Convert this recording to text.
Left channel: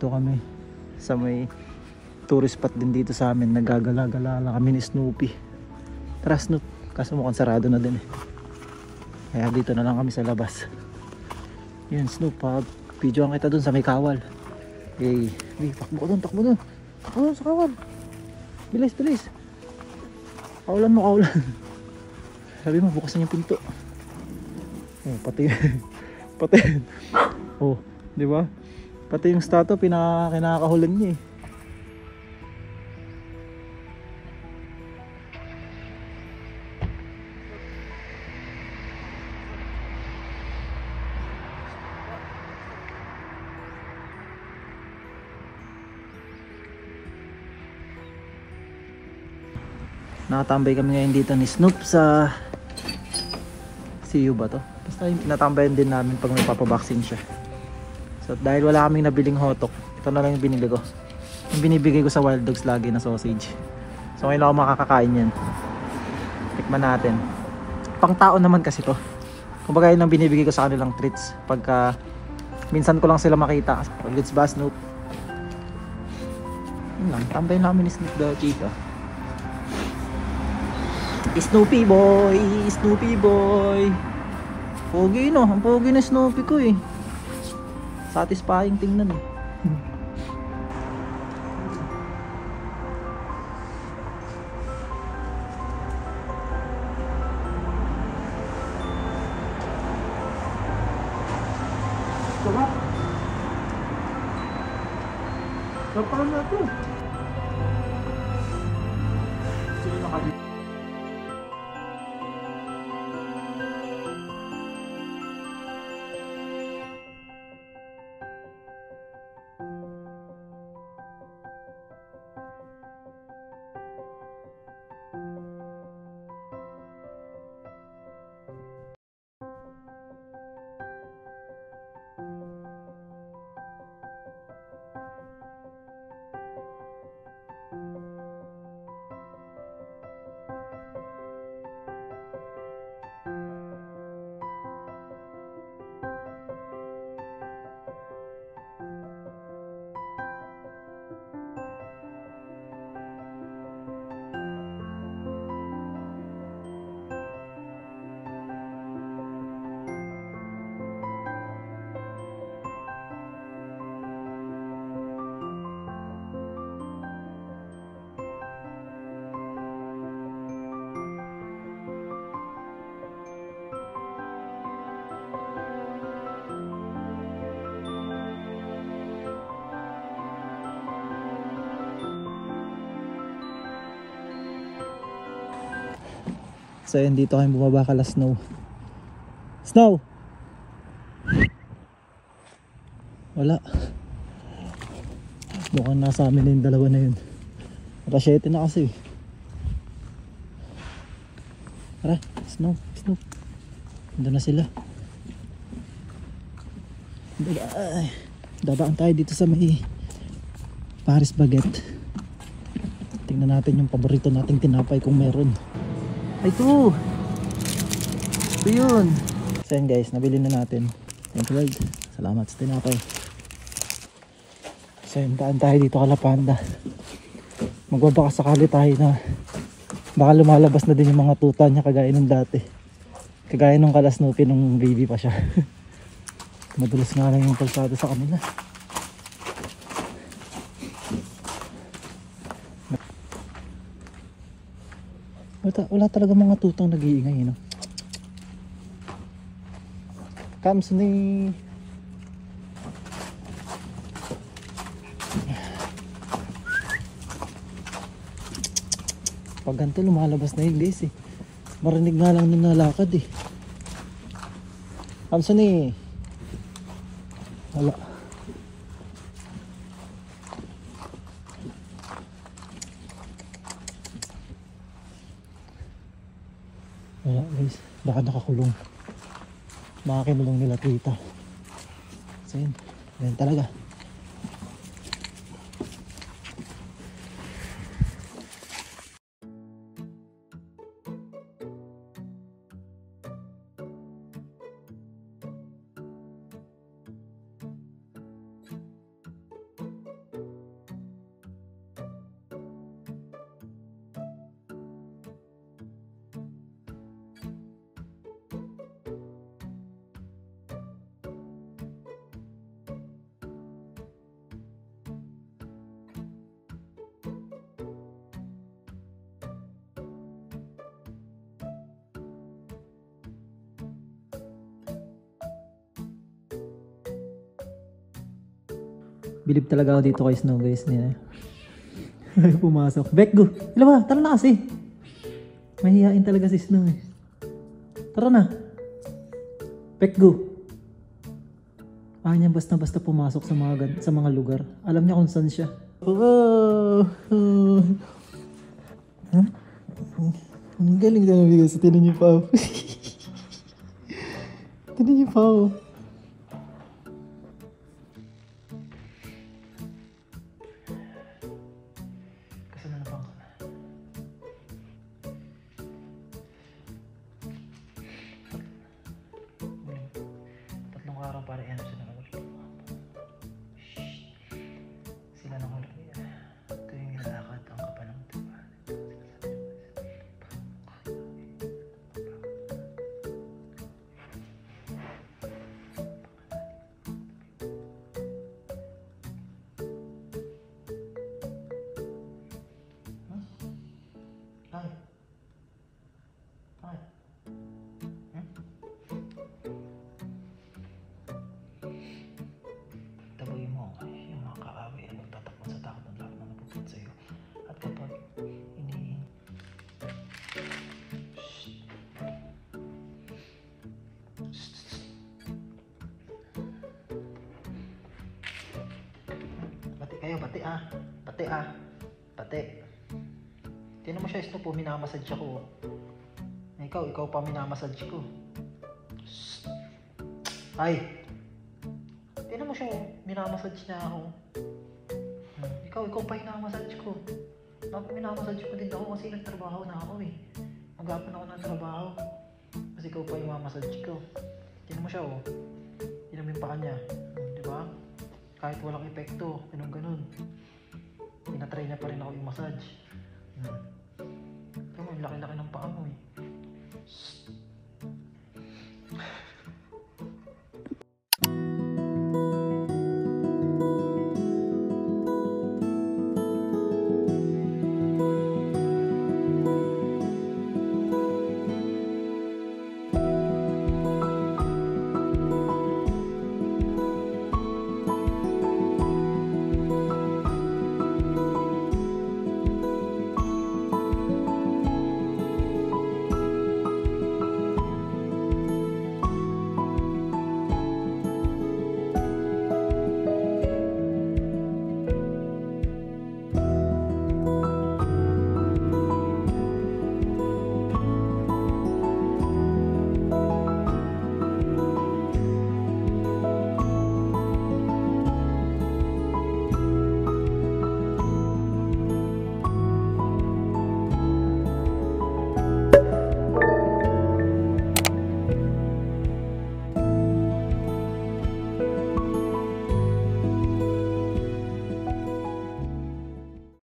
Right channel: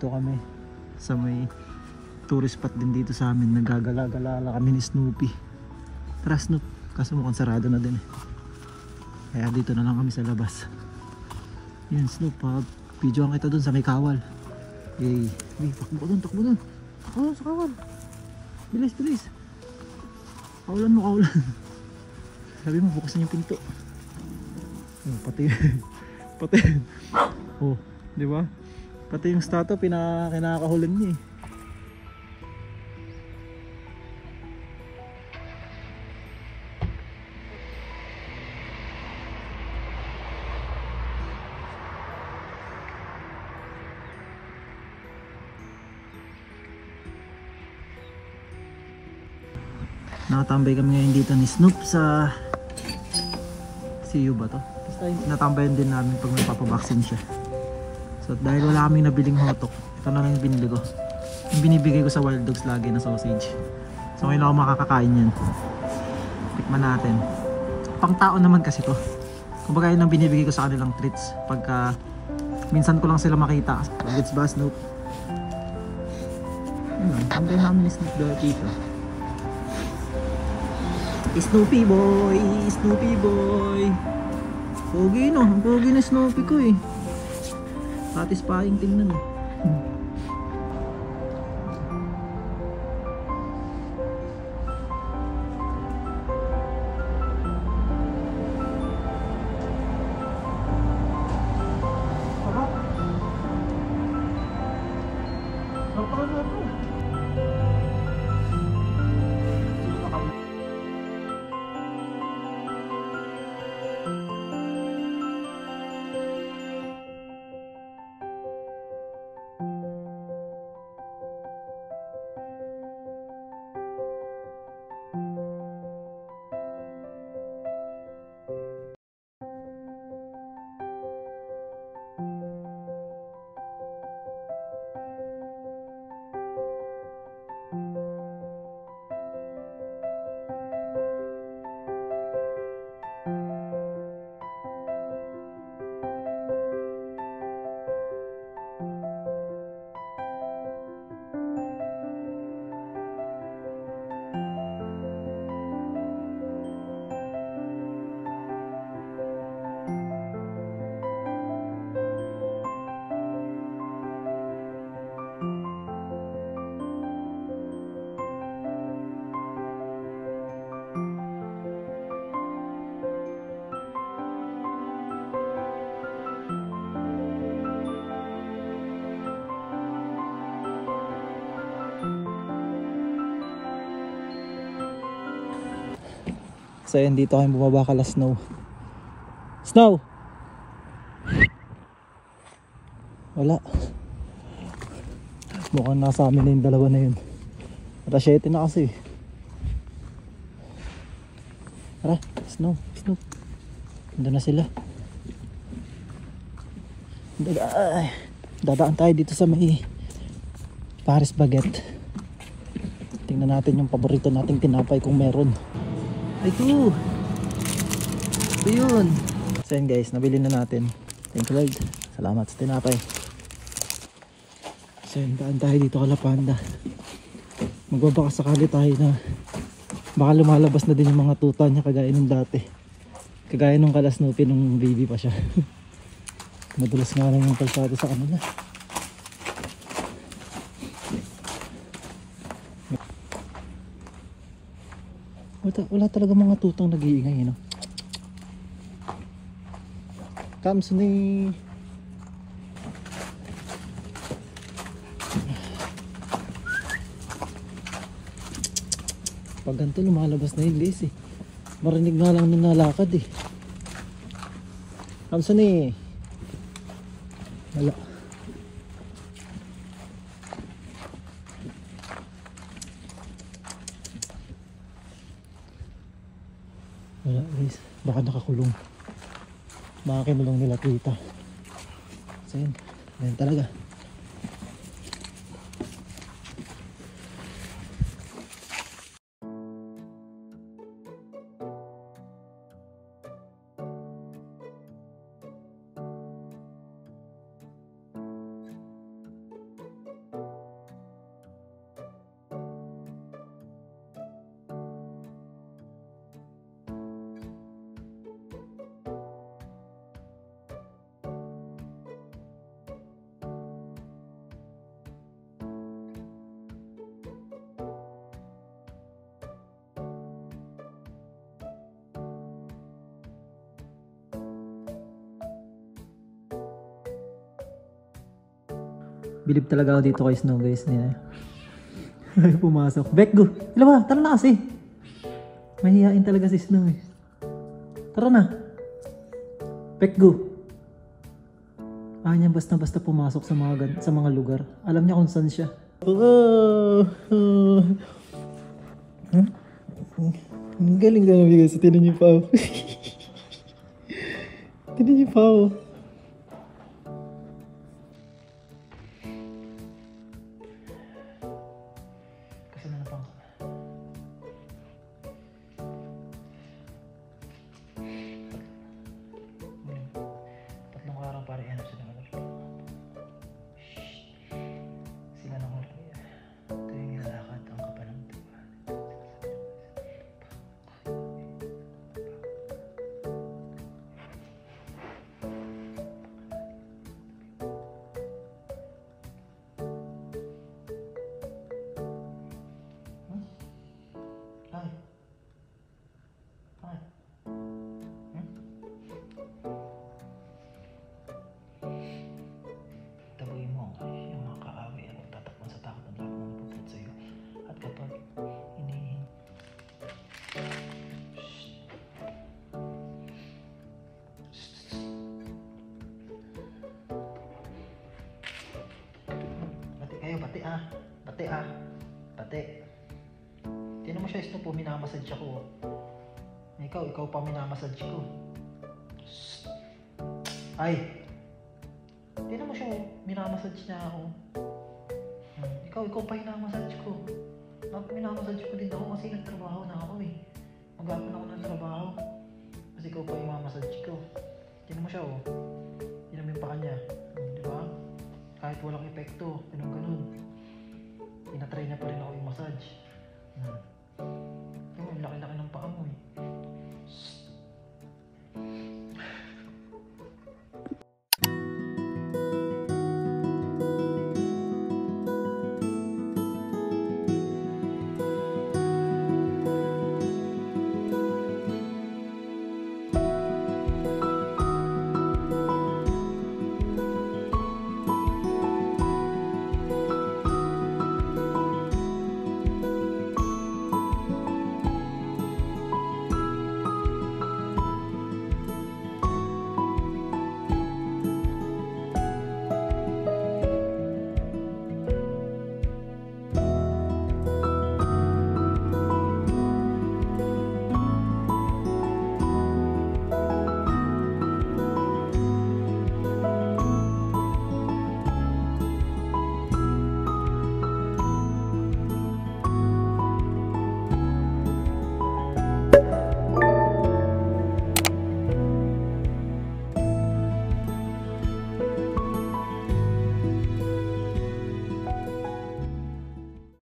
Dito kami sa may tourist spot din dito sa amin. Nagagala-gala lang kami ni Snoopy. Tara Snoop, kaso mukhang sarado na din eh. Kaya dito na lang kami sa labas. Yan Snoop, videoan kita dun sa may kawal. Yay, takbo dun, takbo dun. Takbo dun sa kawal. Bilis, bilis. Kaulan mo, kaulan. Sabi mo, bukas na yung pinto. Oh, pati pati oh, di ba? Pati yung statue kinakahulan niya eh. Nakatambay kami ngayon dito ni Snoop sa CU ba to? Basta natambayan din namin pag may papabaksin siya. So dahil wala kaming nabiling hotok, ito na lang yung binili ko. Yung binibigay ko sa Wild Dogs lagi na sausage. So ngayon ako makakakain yan. Tikman natin. Pang tao naman kasi to. Kumbaga yun lang binibigay ko sa kanilang treats pagka minsan ko lang sila makita. Let's ba Snoop? Yun lang, tambay namin ni Snoop dito. Snoopy boy, Snoopy boy. Pogi no, ang pogi na Snoopy ko eh. Satisfying tingnan eh. Sarap. Sarap na ito. So yun, dito kami bumaba kala Snow. Snow! Wala. Mukhang nasa amin na yung dalawa na yun. Alas 7 na kasi. Tara, Snow, Snow. Nandun na sila. Dadaan tayo dito sa may Paris Baguette. Tingnan natin yung paborito nating tinapay kung meron. Ito! Ito yun! So yun guys, nabili na natin. Thank you Lord. Salamat sa tinapay. So yun, daan tayo dito kala Panda. Magbabaka sakali tayo na baka lumalabas na din yung mga tuta niya kagaya nung dati. Kagaya nung kala Snoopy nung baby pa siya. Madulas nga lang yung kalsado sa kanila. Wala talaga mga tutang nag-iingay, no? Comes ni pag ganito lumalabas na yun guys eh. Marinig nga lang nung nalakad eh. Comes ni wala. Wala guys, baka nakakulong. Baka kinulong nila tita. So yun, yun talaga. Bilib talaga ako dito kay Snow guys. Niya. Pumasok. Bek, go. Ila ba? Tara na kasi. Mahihain talaga si Snow eh. Tara na. Bek, go. Ayaw niya basta-basta pumasok sa mga lugar. Alam niya kung saan siya. Oh, oh. Huh? Ang galing na naman guys. Tinan niyo pa. Tinan niyo pa. Kasama na pang tatlong araw para yan sila ng sila ng ulit. Ito yung nilakad ang kapal ng diba. Ay. Ay. Taboy mo yung mga kaaway at magtatakbo sa takot ng lahat na napuput sa iyo. At kapag bati kayo, bati ah. Bati ah. Bati. Tinan mo siya, Snow po, minamassage ako. Ikaw pa minamassage ko. Shhh. Ay! Tinan mo siya, minamassage niya ako. Ikaw pa minamassage ko. Minamassage ko din ako kasi nagtrabaho na ako eh. Mag-apan ako ng trabaho. Kasi ikaw pa minamassage ko. Tinan mo siya oh. Tinan mo yung paa niya. Diba? Kahit walang epekto, ganun. Tinatry niya pa rin ako yung massage. Ang laki-laki ng paa mo.